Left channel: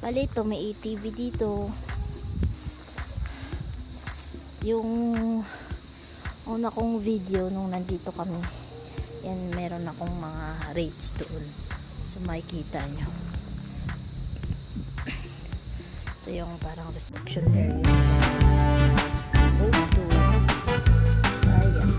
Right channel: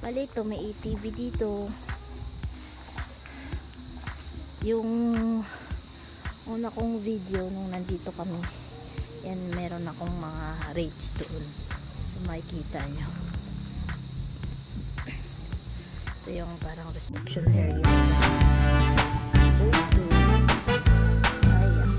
Bali ito, may ATV dito. Yung una kong video nung nandito kami, yan, meron akong mga rates doon. So makikita nyo. Ito yung parang reception area. Go to. Ayan.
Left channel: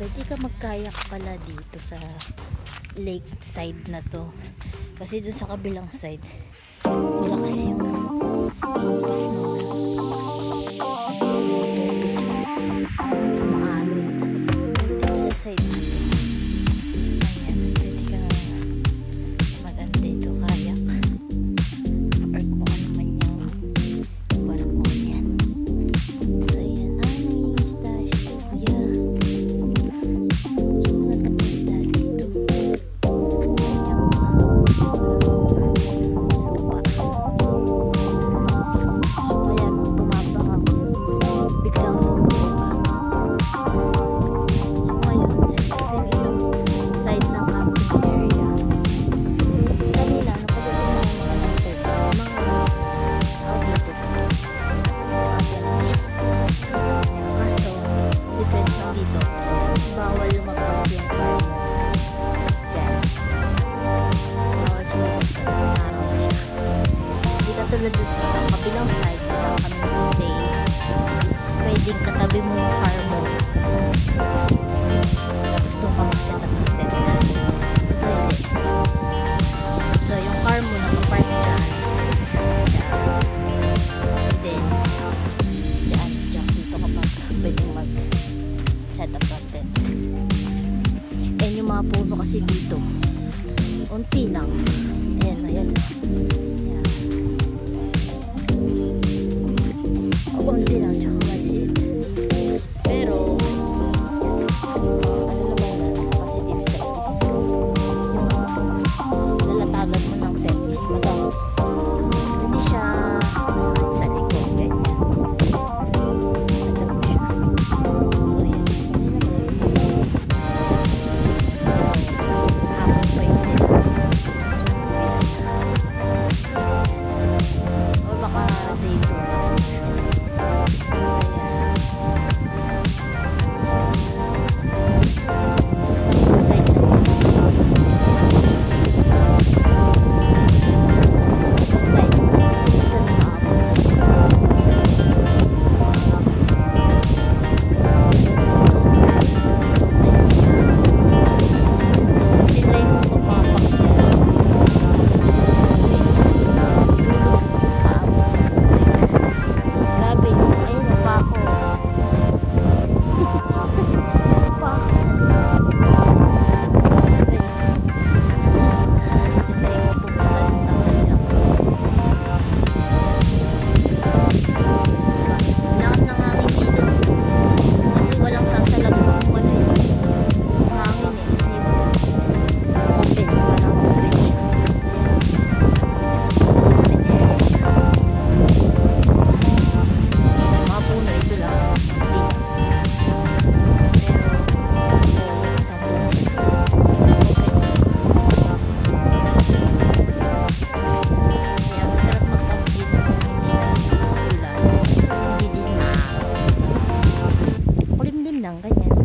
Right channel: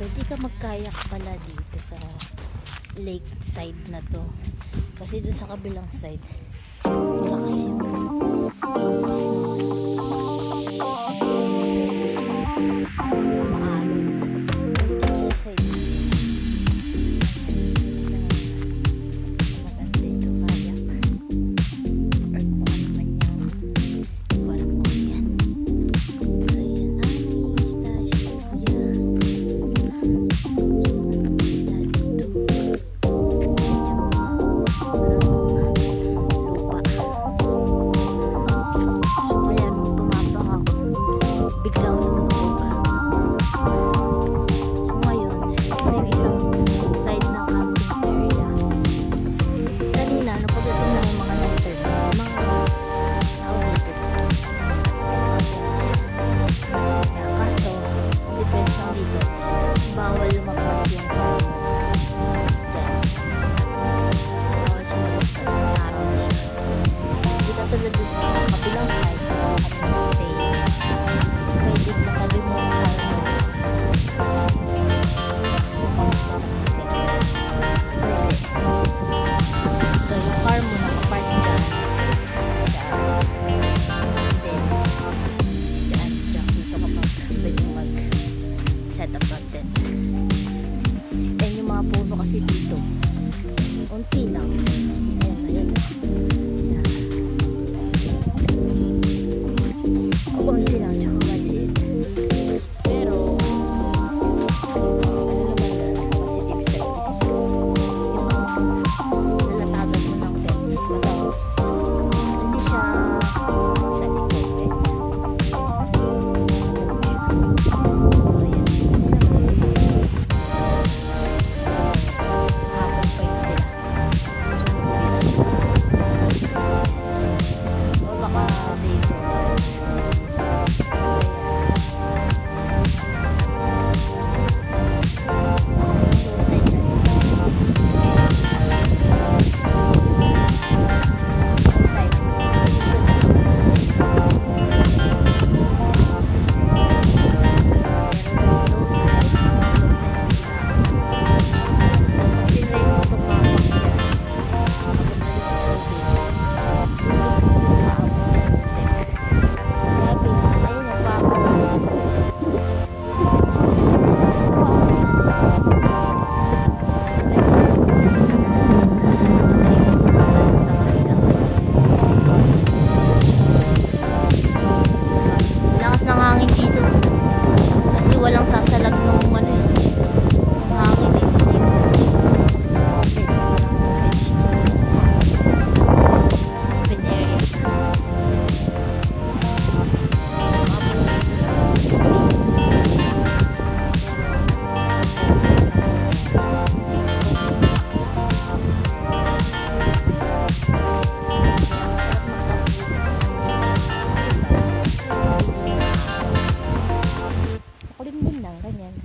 Pwede ka magkayak pala dito sa lake side na to, kasi dun sa kabilang side malakas yung maalon dito sa side Katabi mo yung car mo. Tapos doon ka mag-set up ng tent. Pwede. So, yung car mo nakapark dyan. Then, dyan dito kapag pwede mag-set up ng tent. And yung mga puno kasi dito, unti lang. Ayan, ayan. Ayan. Unti lang, tsaka maliit. Pero, ano naman yan, positive side is yung lalatagan mo ng text, madami. Hindi siya sakit sa likod. So, ayan. Hapon pa yun sila. O baka day 4. Lakas ng hangin dito. Kasi walang sasalag ng ano eh. Hangin eh. Kasi open. Parang open siya. Open air. Mga puno dito lang. Kulimlim lang, ganyan.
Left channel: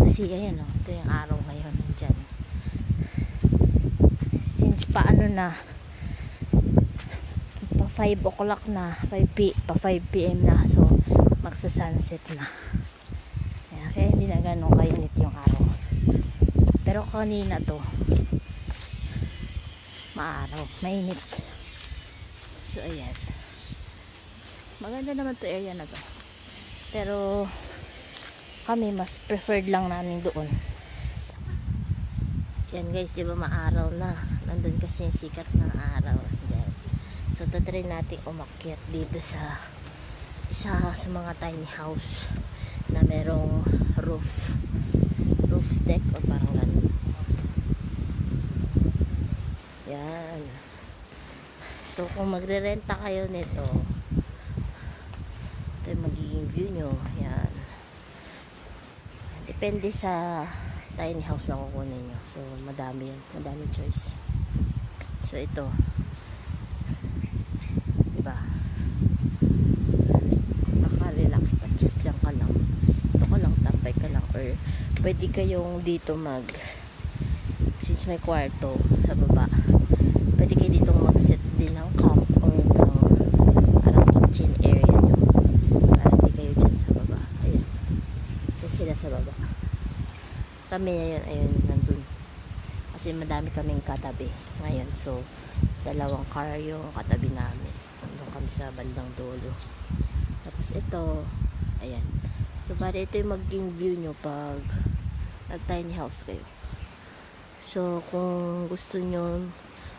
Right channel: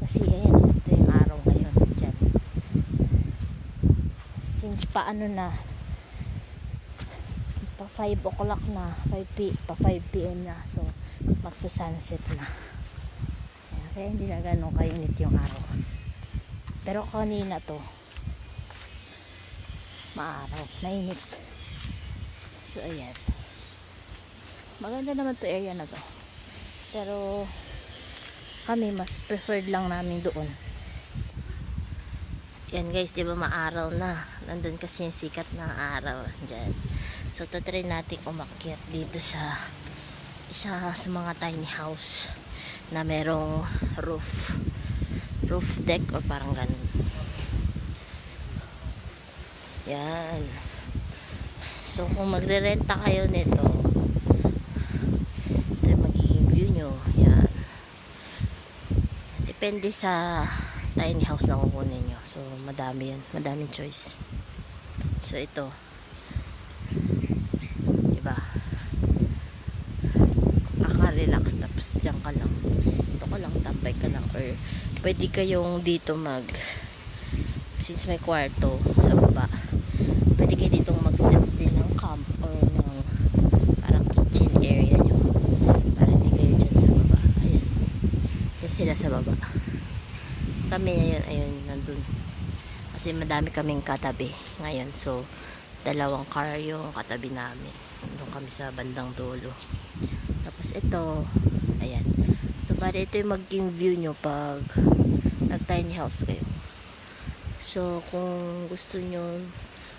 Kasi ayan, ito yung araw ngayon dyan. Since paano na, pa 5 o'clock na, pa 5 p.m. na, so magsa-sunset na. Kaya hindi na ganun kayunit yung araw. Pero kanina to, maaraw, mainit. So ayan. Maganda naman to area na to. Pero kami mas preferred lang namin doon. Yan guys, di ba maaraw na. Nandun kasi yung sikat ng araw dyan. So tatry natin umakyat dito sa isa sa mga tiny house na merong roof deck o parang ganun. Yan. So kung magre-renta kayo nito, ito yung magiging view nyo. Yan. Depende sa tiny house na kukunin nyo. So madami yan. Madaming choice. So ito. Diba? Kaka-relax. Tapos dyan ka lang. Ito ka lang. Tambay ka lang. Or pwede kayong dito since may kwarto sa baba, pwede kayo dito mag-set din ng camp or ng parang kitchen area nyo para hindi kayo dyan sa baba. Ayan. Kasi sila sa baba. Kami ngayon, ayun, nandun. Kasi madami kaming katabi ngayon. So, 2 car yung katabi namin. Nandun kami sa bandang dulo. Tapos ito, ayan. So, para ito yung maging view nyo pag nag-tiny house kayo. So, kung gusto nyo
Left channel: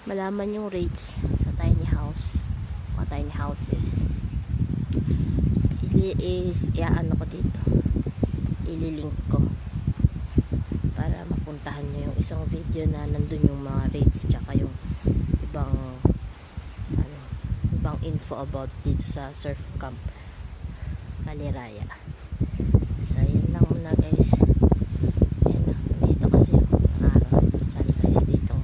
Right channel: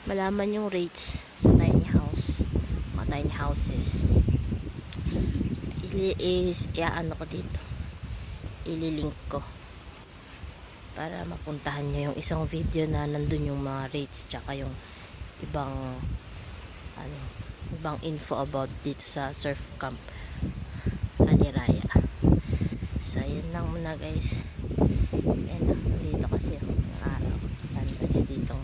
malaman yung rates sa tiny house, mga tiny houses, iaano ko dito, ililink ko para mapuntahan nyo yung isang video na nandun yung mga rates tsaka yung ibang info about dito sa surf camp Aliraya. So yan lang muna guys. Yan na, dito kasi yung araw, sunrise dito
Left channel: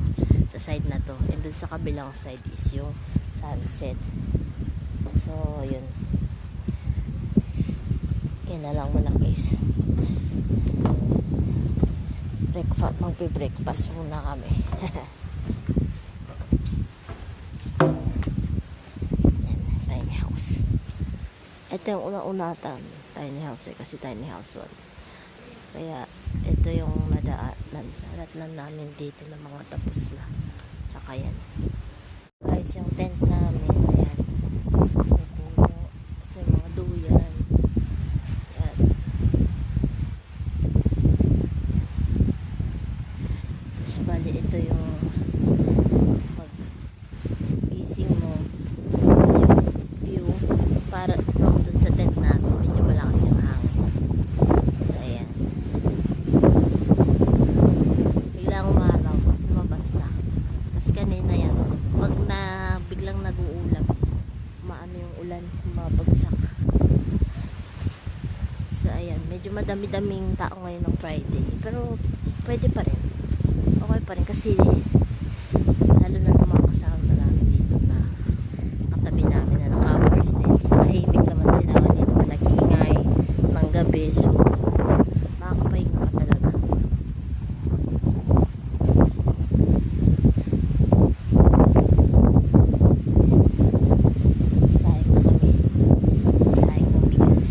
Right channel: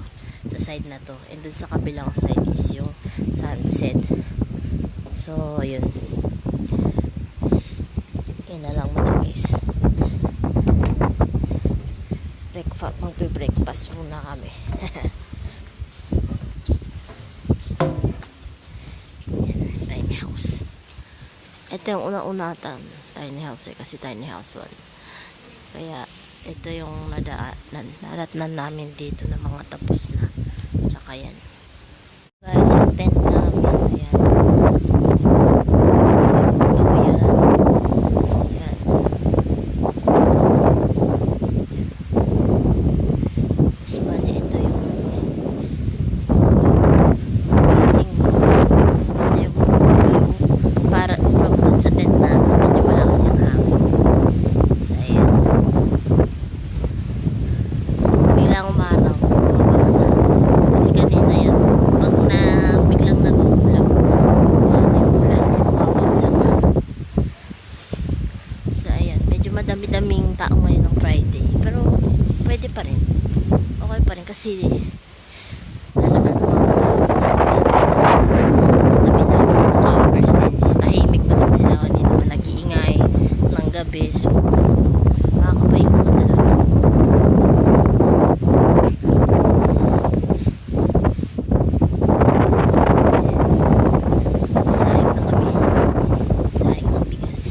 sa side na to, and dun sa kabilang side is yung sunset. So yun, yan na lang muna guys. Magbe-breakfast muna kami. Yan, tiny house. Ito yung unang-unatan, tiny house kasi tiny house 1. Kaya ito yung nadatnan namin dito na mga tapos na. Tsaka yan. Guys, yung tent namin, ayan. So ito yan. Ayan. Tapos bali, ito yung facing mo. Ito yung view. Para from dun sa tent namin, medyo malakas yung hangin. So ayan. Biglang umaraw, lumabas na. Kasi kanina yan, pag na biglang nag-uulam, paano yung ulan, mabagsak. So ayan, medyo madami-daming tao ngayon ng Friday. Pero pwede pa rin. Okay pa rin kasi wala naman mga kasama namin. Katabi namin yung campers din. Tahimik naman sila. Hindi naman nag-iingay ng gabi. So makakapahinga ka talaga. Sahing na kami. Sahing ng bigas.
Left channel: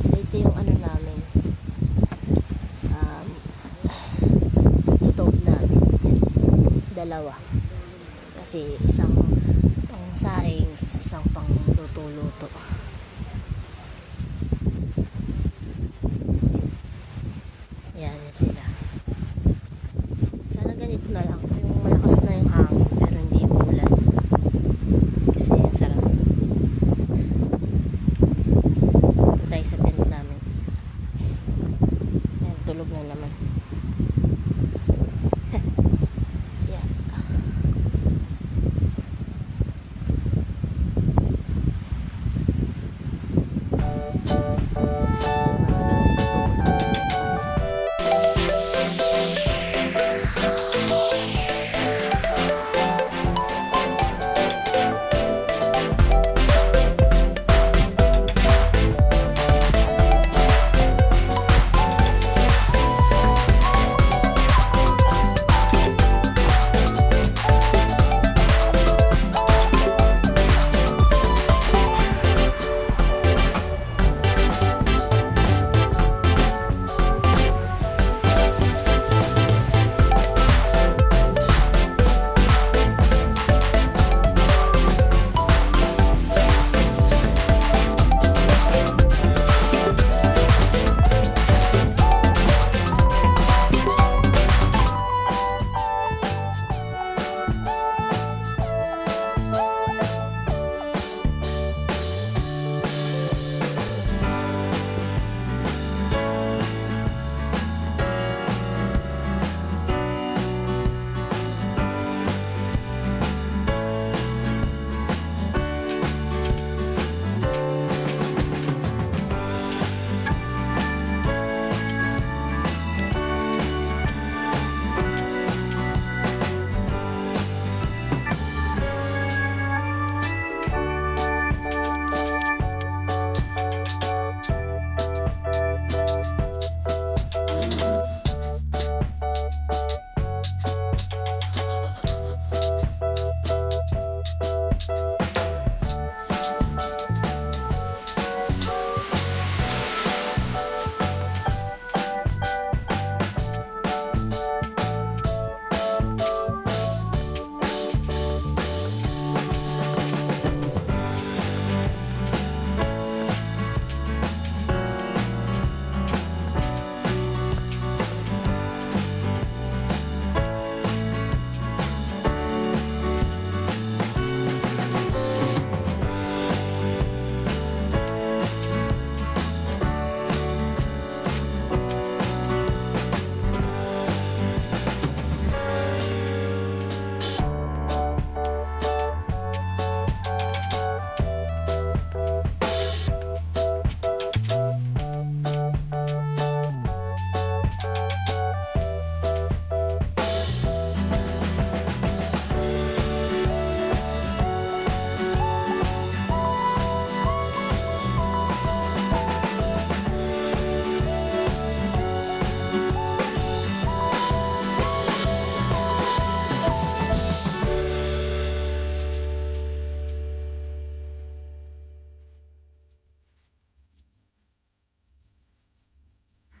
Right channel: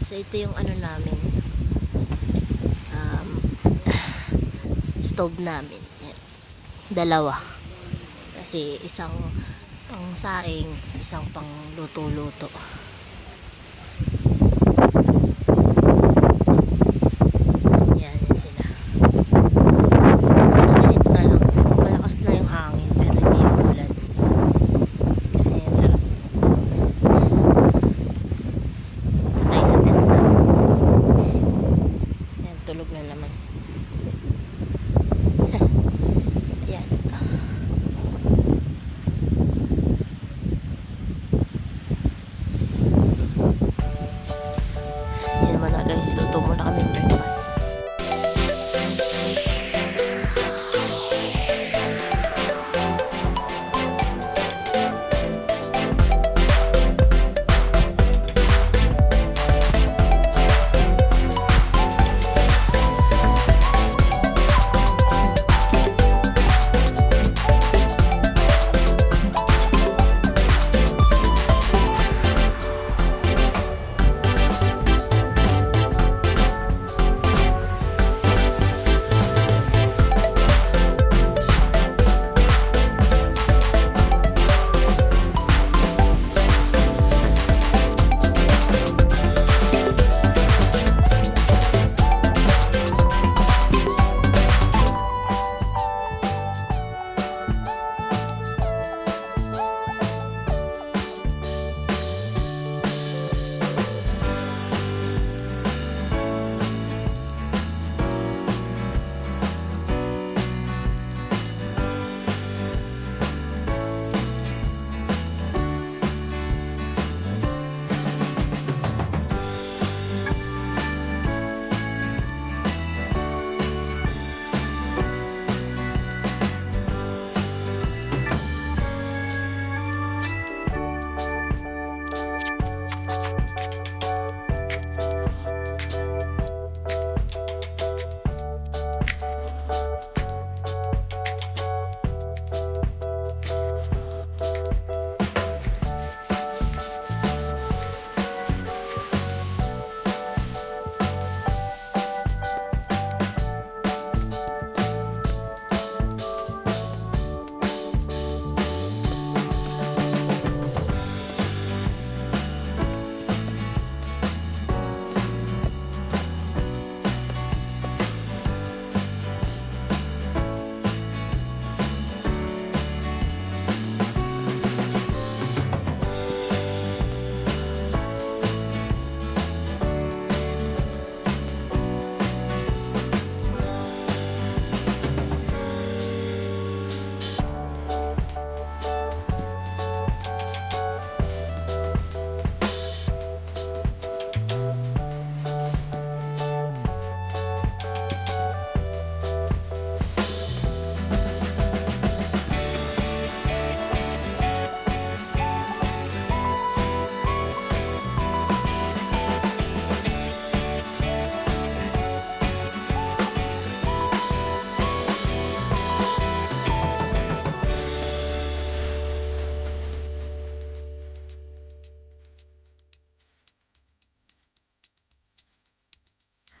So ito yung ano namin. Stove namin. Yan. Dalawa. Kasi isang pang saing, isang pang luto-luto. Yan sila. Sana ganito na lang. Malakas na yung hangin pero hindi yung ulan. Kasi yan sarap. Patay sa tent na. Yan, tulog na naman. Yan. Yan mga guys, luto muna kami breakfast.